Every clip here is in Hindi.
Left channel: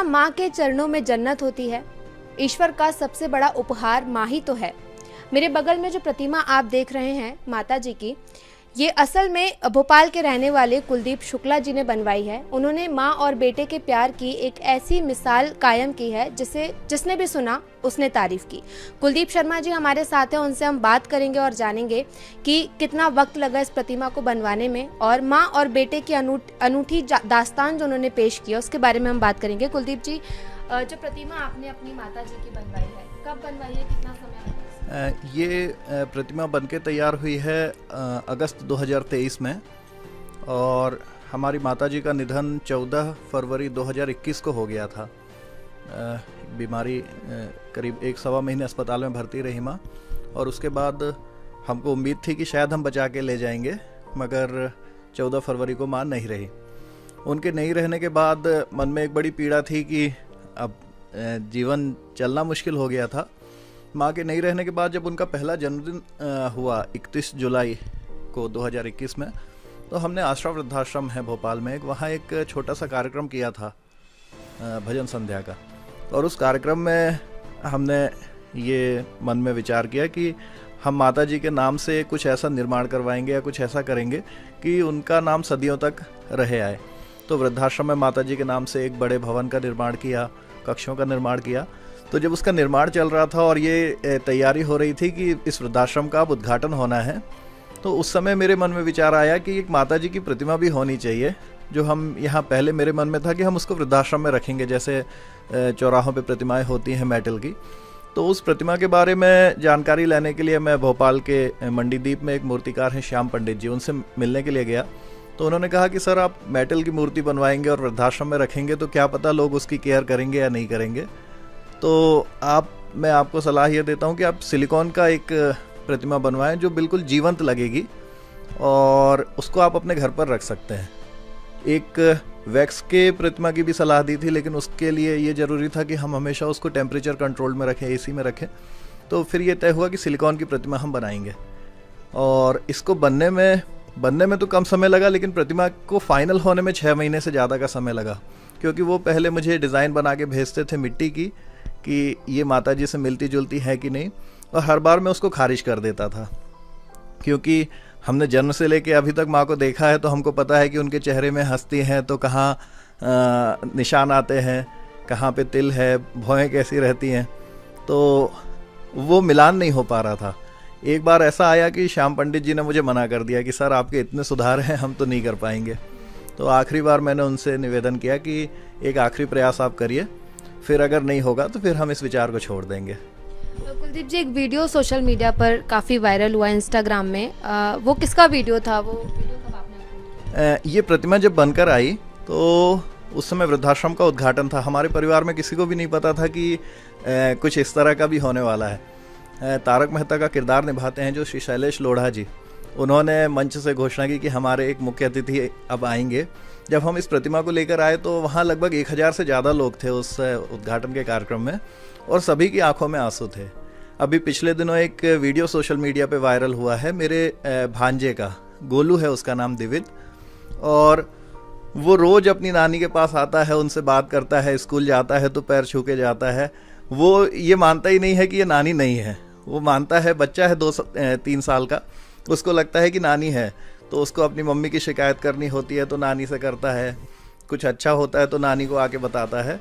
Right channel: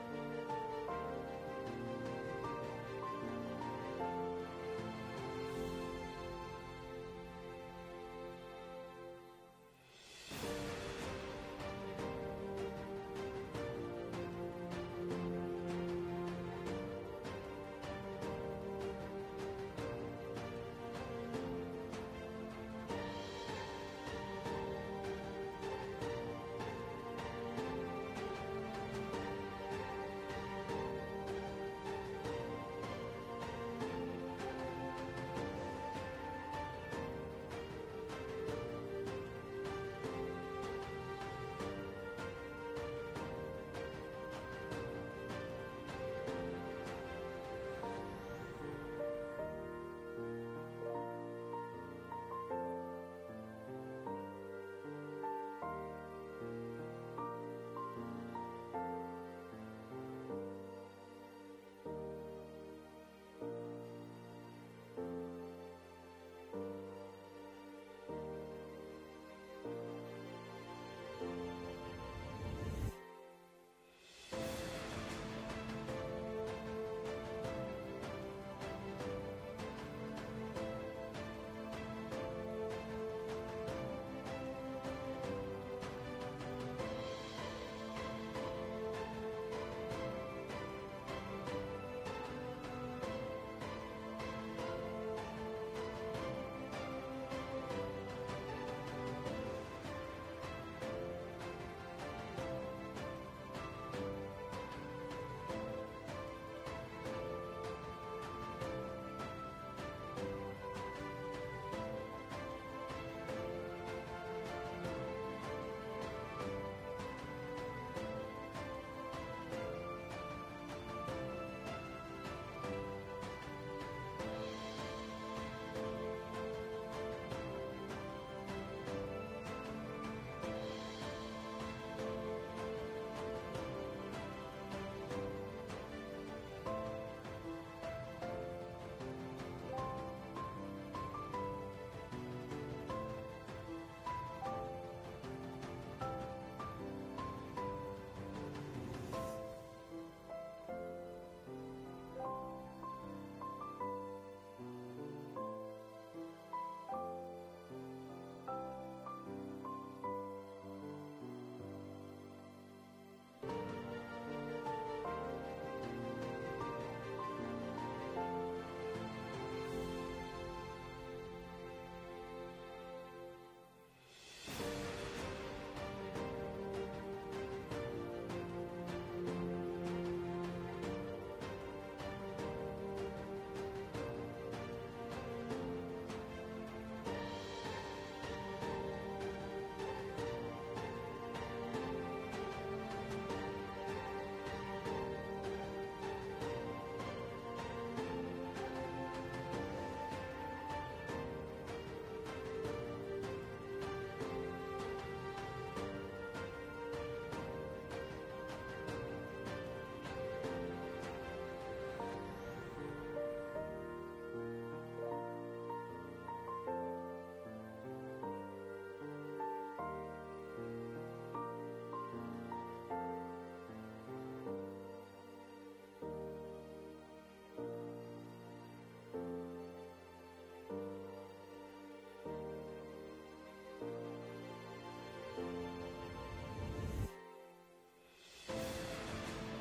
क्या माँ के चरणों में जन्नत होती है? ईश्वर का सबसे बड़ा उपहार माँ ही तो है। मेरे बगल में जो प्रतिमा आप देख रहे हैं माता जी की, ये असल में भोपाल के रहने वाले कुलदीप शुक्ला जी ने बनवाई है। उन्होंने माँ और बेटे के प्यार की एक ऐसी मिसाल कायम की है जिसने भी सुना उसने तारीफ की। कुलदीप शर्मा जी हमारे साथ हैं, उनसे हम बात करेंगे और जानेंगे कि कितना वक्त लगा इस प्रतिमा को बनवाने में और माँ और बेटे की अनूठी दास्तान जो उन्होंने पेश किया उसके बारे में हम बात करेंगे। कुलदीप जी, जो प्रतिमा आपने अपनी माता जी की बनवाई है, कब बनवाई है, कितना समय? ये प्रतिमा बनके तैयार हुई है अगस्त 2023 में, और हमारी माताजी का निधन 14 फरवरी 2021 को हो गया था। बीमारी करीब 1-1.25 महीने अस्पताल में भर्ती रही माँ, और उसके बाद हमको उम्मीद थी कि शायद हम बचा के ले जाएंगे, मगर 14 फरवरी को माँ नहीं रही। उनके नहीं रहने के बाद मन में एक बड़ी पीड़ा थी कि अब जीवन चलना मुश्किल हो गया था। माँ के नहीं रहने के बाद जब उनका पहला जन्मदिन हुआ 31 जुलाई को 2021 में, तो हमने आश्रम वृद्धाश्रम है भोपाल में, वहाँ एक छोटा सा कार्यक्रम किया था भजन संध्या का। और उस कार्यक्रम में हमने ये मन में विचार किया कि हम माता जी के नाम से कुछ ऐसा निर्माण करवाएंगे या कुछ ऐसा करेंगे कि उनका नाम सदियों तक रहे आए। तो वृद्धाश्रम में माता जी के नाम से एक बड़े भवन का निर्माण किया, कक्षों का निर्माण किया। तो जब उसका निर्माण चल रहा था और ये तैयारी हो रही थी कि इस वृद्धाश्रम का अब उद्घाटन होना है, तो उस समय मेरे मन में विचार आया कि एक माता जी की प्रतिमा भी होनी चाहिए, जो हम यहाँ पहले मेरे मन में था कि हम उसको वृद्धाश्रम में रखेंगे, जैसे चौराहों पे प्रतिमाएं होती हैं मेटल की। तो उस प्रतिमा के बारे में जानकारी लेने के लिए मैं भोपाल के मंडीदीप में एक मूर्तिकार हैं श्याम पंडित जी, उनसे मिलने के लिए गया। तो उन्होंने कहा कि सर, आप मेटल की मूर्ति बनवाएंगे और वृद्धाश्रम में रखेंगे तो क्या पता लोग उसकी केयर करेंगे या नहीं करेंगे, तो मैं आपको सलाह ये देता हूँ कि आप सिलिकॉन का एक प्रतिमा बनवाएं जो बिल्कुल जीवंत लगेगी, और उसको आप अपने घर पर रख सकते हैं। एक वैक्स के प्रतिमा की भी सलाह दी थी, लेकिन उसके लिए ये ज़रूरी था कि हम हमेशा उसको टेम्परेचर कंट्रोल में रखें, एसी में रखें। तो फिर ये तय हुआ कि सिलिकॉन की प्रतिमा हम बनाएंगे, और इसको बनने में तो कम समय लगा, लेकिन प्रतिमा को फाइनल होने में 6 महीने से ज़्यादा का समय लगा, क्योंकि वो पहले मुझे डिज़ाइन बना के भेजते थे मिट्टी की कि ये माता जी से मिलती जुलती है कि नहीं, और हर बार मैं उसको खारिज कर देता था, क्योंकि हमने जन्म से लेके अभी तक माँ को देखा है, तो हमको पता है कि उनके चेहरे में हंसती हैं तो कहाँ निशान आते हैं, कहाँ पे तिल है, भौहें कैसी रहती हैं, तो वो मिलान नहीं हो पा रहा था। एक बार ऐसा आया कि श्याम पंडित जी ने मुझे मना कर दिया कि सर, आपके इतने सुधार हैं, हम तो नहीं कर पाएंगे। तो आखिरी बार मैंने उनसे निवेदन किया कि एक आखिरी प्रयास आप करिए, फिर अगर नहीं होगा तो फिर हम इस विचार को छोड़ देंगे। कुलदीप जी, एक वीडियो सोशल मीडिया पर काफ़ी वायरल हुआ इंस्टाग्राम में, वो किसका वीडियो था? ये प्रतिमा जब बनकर आई तो उस समय वृद्धाश्रम का उद्घाटन था। हमारे परिवार में किसी को भी नहीं पता था कि कुछ इस तरह का भी होने वाला है। तारक मेहता का किरदार निभाते हैं जो श्री शैलेश लोढ़ा जी, उन्होंने मंच से घोषणा की कि हमारे एक मुख्य अतिथि अब आएंगे। जब हम इस प्रतिमा को लेकर आए तो वहाँ लगभग 1000 से ज़्यादा लोग थे उस उद्घाटन के कार्यक्रम में, और सभी की आंखों में आंसू थे। अभी पिछले दिनों एक वीडियो सोशल मीडिया पे वायरल हुआ है मेरे भांजे का, गोलू है उसका नाम, दिविद, और वो रोज़ अपनी नानी के पास आता है, उनसे बात करता है, स्कूल जाता है तो पैर छू के जाता है। वो ये मानता ही नहीं है कि ये नानी नहीं है, वो मानता है, बच्चा है 2-3 साल का, उसको लगता है कि नानी है। तो उसको अपनी मम्मी की शिकायत करनी होती है तो नानी से करता है, कुछ अच्छा होता है तो नानी को आके बताता है।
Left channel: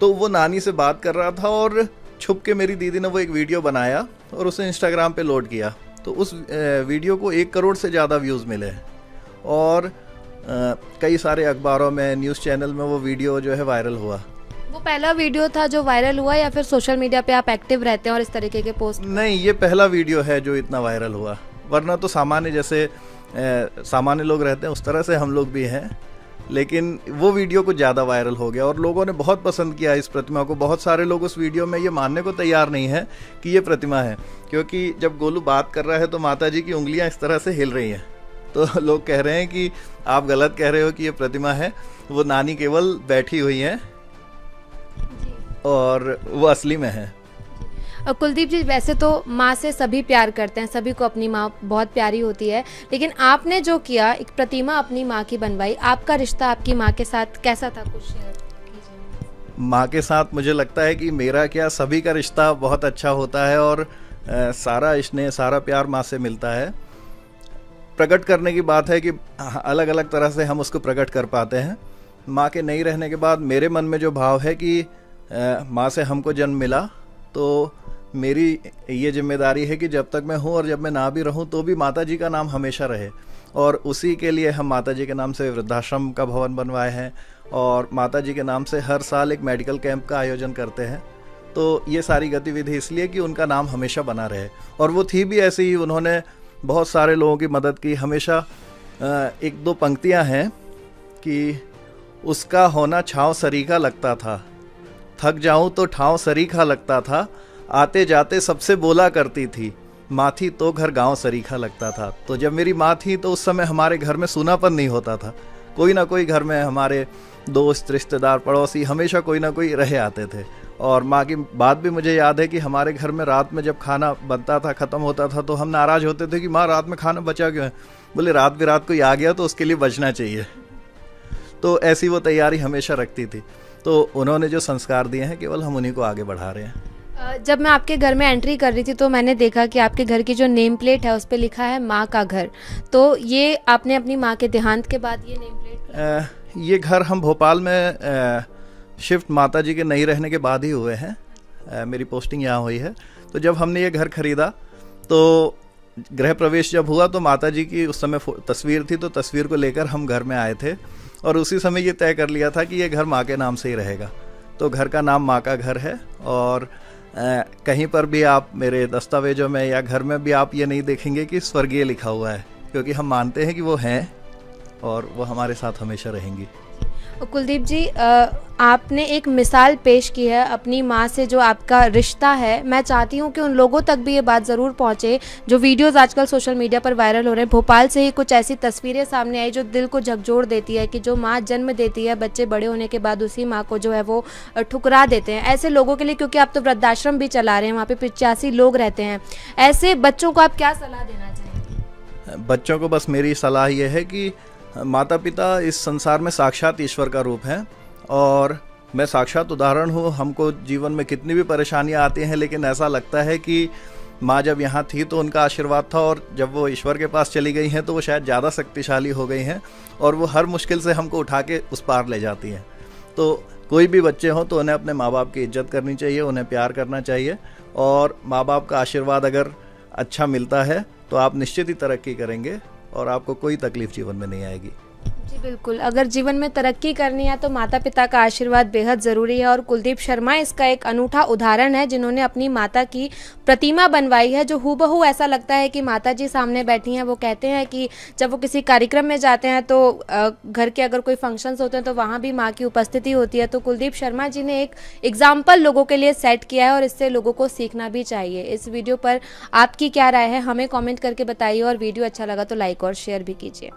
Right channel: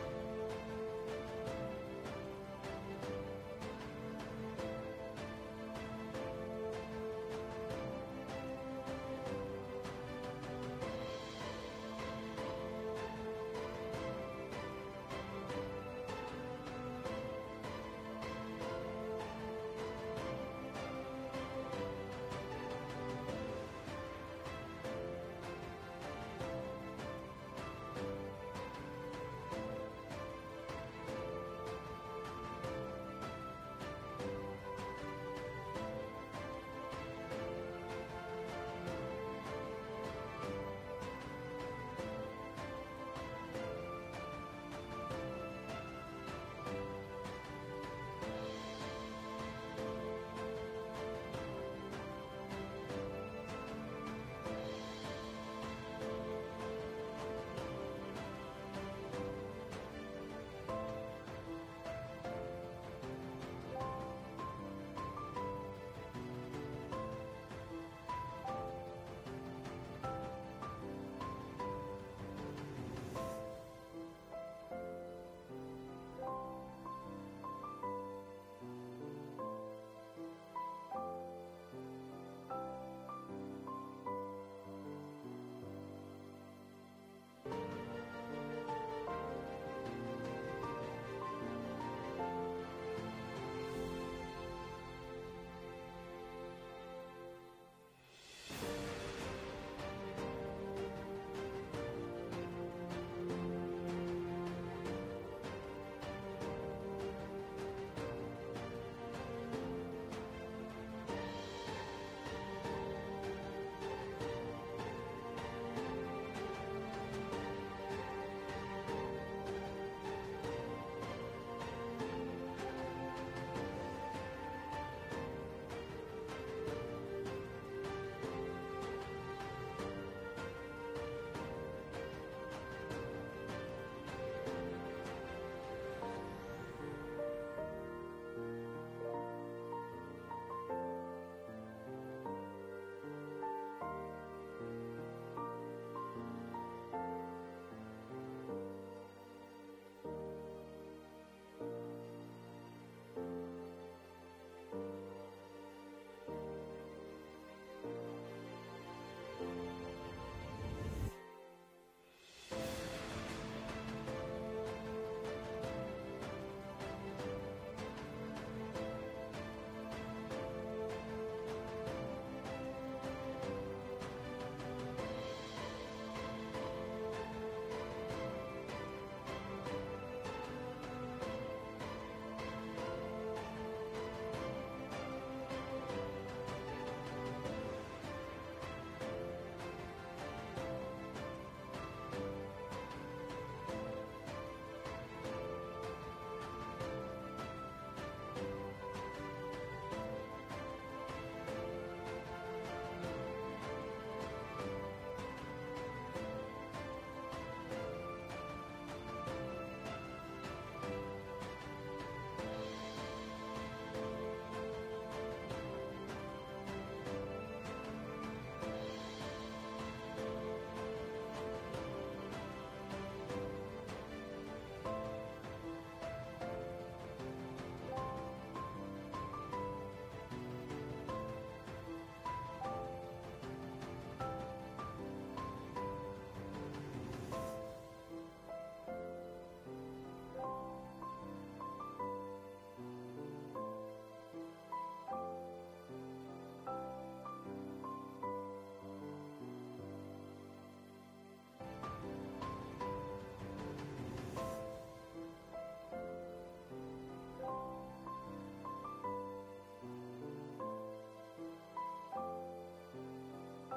तो वो नानी से बात कर रहा था और छुप के मेरी दीदी ने वो एक वीडियो बनाया और उसे इंस्टाग्राम पे लोड किया। तो उस वीडियो को 1 करोड़ से ज़्यादा व्यूज़ मिले, और कई सारे अखबारों में, न्यूज़ चैनल में वो वीडियो जो है वायरल हुआ। वो पहला वीडियो था जो वायरल हुआ, या फिर सोशल मीडिया पे आप एक्टिव रहते हैं और इस तरीके के पोस्ट? नहीं, ये पहला वीडियो है जो इतना वायरल हुआ, वरना तो सामान्य जैसे सामान्य लोग रहते हैं उस तरह से हम लोग भी हैं, लेकिन वो वीडियो कुछ ज़्यादा वायरल हो गया और लोगों ने बहुत पसंद किया इस प्रतिमा को। बहुत सारे लोग उस वीडियो में ये मानने को तैयार नहीं है कि ये प्रतिमा है, क्योंकि जब गोलू बात कर रहा है तो माता जी की उंगलियां इस तरह से हिल रही हैं, तो लोग कह रहे हैं कि आप गलत कह रहे हो कि ये प्रतिमा है, वो नानी केवल बैठी हुई हैं और वो असली में है। कुलदीप जी, वैसे तो माँ से सभी प्यार करते हैं, सभी को अपनी माँ बहुत प्यारी होती है, लेकिन आपने जो किया, एक प्रतिमा अपनी माँ की बनवाई, आपका रिश्ता आपकी माँ के साथ कैसा था? कुछ माँ के साथ मुझे लगता है कि मेरा क्या सभी का रिश्ता बहुत अच्छा होता है और सारा स्नेह सारा प्यार माँ से मिलता है। प्रकट करने की बात है कि अलग अलग तरह से हम उसको प्रकट कर पाते हैं। माँ के नहीं रहने के बाद मेरे मन में जो भाव है कि माँ से हमको जन्म मिला, तो मेरी ये जिम्मेदारी है कि जब तक मैं हूँ और जब मैं ना भी रहूँ तो भी माता जी का नाम हमेशा रहे। और उसी के लिए हम माता जी के नाम से वृद्धाश्रम का भवन बनवाए हैं और माता जी के नाम से हर साल एक मेडिकल कैंप का आयोजन करते हैं। तो ये सारी गतिविधि इसलिए कि उनका नाम हमेशा बना रहे। और वो थी भी ऐसे ही, उन्होंने बहुत सारे लोगों की मदद की। हमेशा एक दो पंक्तियां हैं कि उसका होना छाँव सरीखा लगता था, थक जाऊं तो ठाव सरीखा लगता था, आते जाते सबसे बोला करती थी, माँ थी तो घर गांव सरीखा लगता था। तो जब मेरी माँ थी तो उस समय हमारे घर में सूनापन नहीं होता था। कोई ना कोई घर में हमारे दोस्त रिश्तेदार पड़ोसी हमेशा कोई ना कोई रहे आते थे। और माँ की बात भी मुझे याद है कि हमारे घर में रात में जब खाना बनता था, ख़त्म होता था, तो हम नाराज़ होते थे कि माँ रात में खाना बचा क्यों है। बोले रात बिरात कोई आ गया तो उसके लिए बचना चाहिए। तो ऐसी वो तैयारी हमेशा रखती थी। तो उन्होंने जो संस्कार दिए हैं केवल हम उन्हीं को आगे बढ़ा रहे हैं। जब मैं आपके घर में एंट्री कर रही थी तो मैंने देखा कि आपके घर की जो नेम प्लेट है उस पर लिखा है माँ का घर। तो ये आपने अपनी माँ के देहांत के बाद ये नेम प्लेट ये घर हम भोपाल में शिफ्ट माता जी के नहीं रहने के बाद ही हुए हैं। मेरी पोस्टिंग यहाँ हुई है। तो जब हमने ये घर खरीदा तो गृह प्रवेश जब हुआ तो माता जी की उस समय तस्वीर थी, तो तस्वीर को लेकर हम घर में आए थे और उसी समय ये तय कर लिया था कि ये घर माँ के नाम से ही रहेगा। तो घर का नाम माँ का घर है और कहीं पर भी आप मेरे दस्तावेजों में या घर में भी आप ये नहीं देखेंगे कि स्वर्गीय लिखा हुआ है, क्योंकि हम मानते हैं कि वो हैं और वो हमारे साथ हमेशा रहेंगी। कुलदीप जी, आपने एक मिसाल पेश की है अपनी माँ से जो आपका रिश्ता है। मैं चाहती हूँ कि उन लोगों तक भी ये बात ज़रूर पहुँचे जो वीडियोज़ आजकल सोशल मीडिया पर वायरल हो रहे हैं। भोपाल से ही कुछ ऐसी तस्वीरें सामने आई जो दिल को झकझोर देती है कि जो माँ जन्म देती है, बच्चे बड़े होने के बाद उसी माँ को जो है वो ठुकरा देते हैं। ऐसे लोगों के लिए, क्योंकि आप तो वृद्धाश्रम भी चला रहे हैं, वहाँ पर 85 लोग रहते हैं, ऐसे बच्चों को आप क्या सलाह देना चाहेंगे? बच्चों को बस मेरी सलाह ये है कि माता पिता इस संसार में साक्षात ईश्वर का रूप हैं और मैं साक्षात उदाहरण हूँ। हमको जीवन में कितनी भी परेशानियाँ आती हैं, लेकिन ऐसा लगता है कि माँ जब यहाँ थी तो उनका आशीर्वाद था और जब वो ईश्वर के पास चली गई हैं तो वो शायद ज़्यादा शक्तिशाली हो गई हैं और वो हर मुश्किल से हमको उठा के उस पार ले जाती हैं। तो कोई भी बच्चे हों तो उन्हें अपने माँ बाप की इज्जत करनी चाहिए, उन्हें प्यार करना चाहिए और माँ बाप का आशीर्वाद अगर अच्छा मिलता है तो आप निश्चित ही तरक्की करेंगे और आपको कोई तकलीफ जीवन में नहीं आएगी। जी बिल्कुल, अगर जीवन में तरक्की करनी है तो माता पिता का आशीर्वाद बेहद ज़रूरी है और कुलदीप शर्मा इसका एक अनूठा उदाहरण है, जिन्होंने अपनी माता की प्रतिमा बनवाई है जो हूबहू ऐसा लगता है कि माता जी सामने बैठी हैं। वो कहते हैं कि जब वो किसी कार्यक्रम में जाते हैं तो घर के अगर कोई फंक्शंस होते हैं तो वहाँ भी माँ की उपस्थिति होती है। तो कुलदीप शर्मा जी ने एक एग्जाम्पल लोगों के लिए सेट किया है और इससे लोगों को सीखना भी चाहिए। इस वीडियो पर आपकी क्या राय है हमें कॉमेंट करके बताइए और वीडियो अच्छा लगा तो लाइक और शेयर भी कीजिए।